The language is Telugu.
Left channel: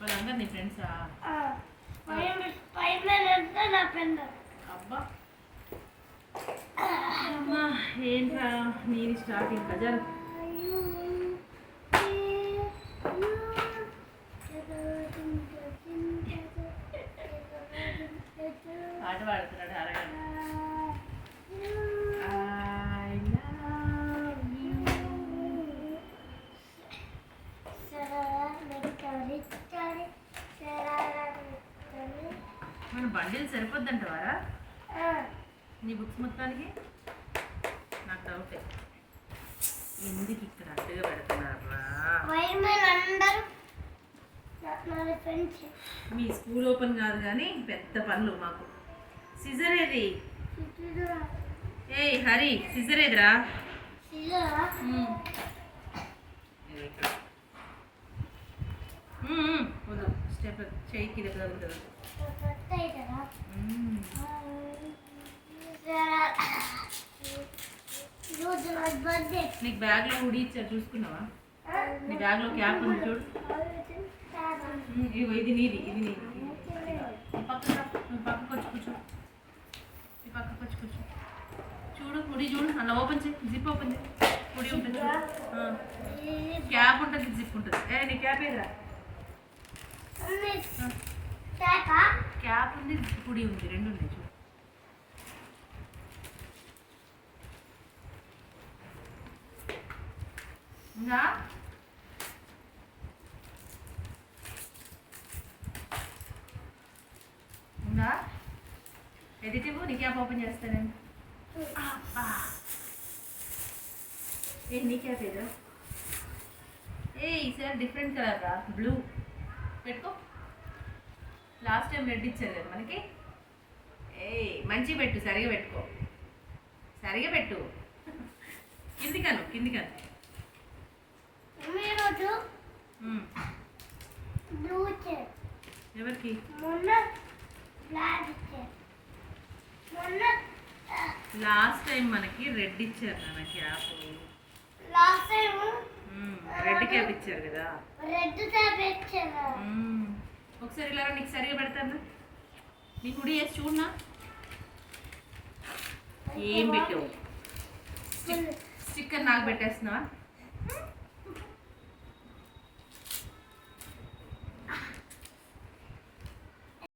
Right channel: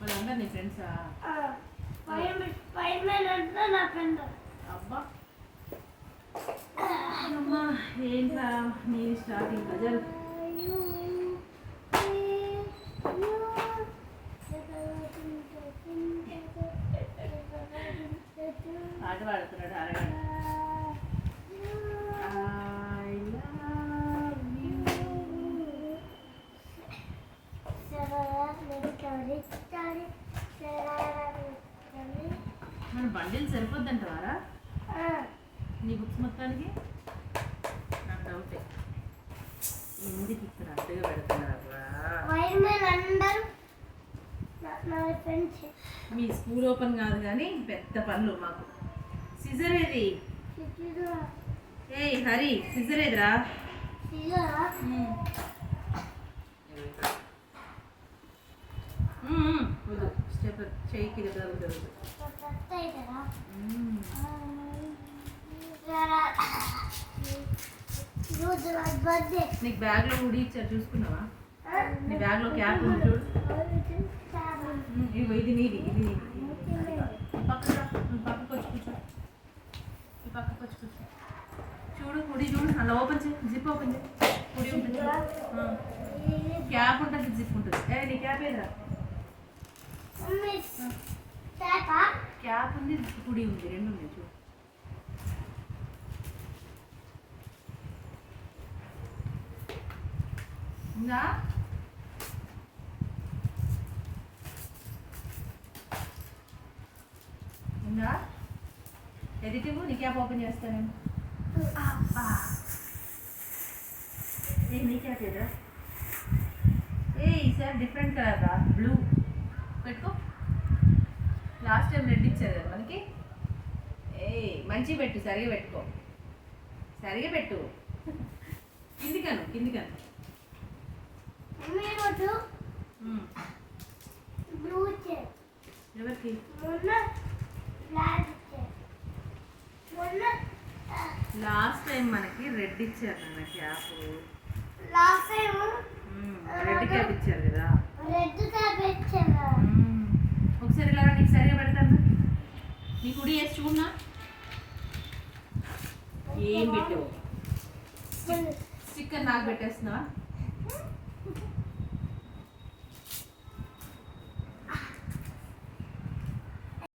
వాళ్ళందరూ నీ ఫ్రెండ్సా? అబ్బా అమ్మా ఏంట్రా నేను స్టార్టింగ్ ప్రజలు పాట పాడుతున్నాడు అరగంట. మన బండిల్ సరిపోద్దంటవారా నీ బుక్స్ మొత్తానికి? నాకు డౌటే ఎందుకు ఇక్కడ అడ్డుగా పెడుతున్నారా? మీ స్కూల్ ఓపెన్ కాదు కానీ పెద్ద పనులు మాకు. సిజర్ ఏది? ఏ హరి సిజర్ ఏదిరా? వద్దు స్టెప్ చెయ్యికి తగ్గుతుంది. నీకు బ్యాగ్లో ఉడి ఇచ్చారు చూసుకున్నావా? నీ బ్యాగ్లో క్యాప్ ఉంది చూడు. ఇది నీది ఇది నీది. పక్కకు వచ్చి కూర్చో. ఈ పక్కకు వచ్చి కూర్చో. చూడు ఉడి చూడు అలా ఓపెన్ చేయి. జిప్ ఓపెన్ చేయి. ఉడి ఉంటుంది క్యాప్ ఉంటుంది జిప్ ఉంటుంది. నీ క్యాప్ ఏదిరా? క్యాప్ ఉంది హుడీ ఉంది రెండు ఉన్నాయి చూడు. ఉందా? ఉందా? ఎడిటివ్ నీ క్యాప్ ఓపెన్ చేస్తానండి. ఏ నీ క్యాప్ ఏదా? ఈసారి డిఫరెంట్ కలర్ రా బ్లూ పెట్టుకో. లాస్ట్ టైం రెడ్ ఇచ్చారు కదా మనకి. మంచి పెట్టు సరిగా పెట్టుకో. సరిగా పెట్టు. కిందికను కిందికను. ఎవరికి? లాస్ట్ టైం మనకి రెడ్ ఇచ్చారు నాన్న క్యాప్. రెడ్ క్యాప్ ఇచ్చారు కదా. ఒకసారి ఇలా నీకు సరిగా పెడతాను. నీకు ఉడి వేసి చూడనా? ఏం పెట్టావు? స్టిక్కర్ నాకు పెట్టేస్తున్నా.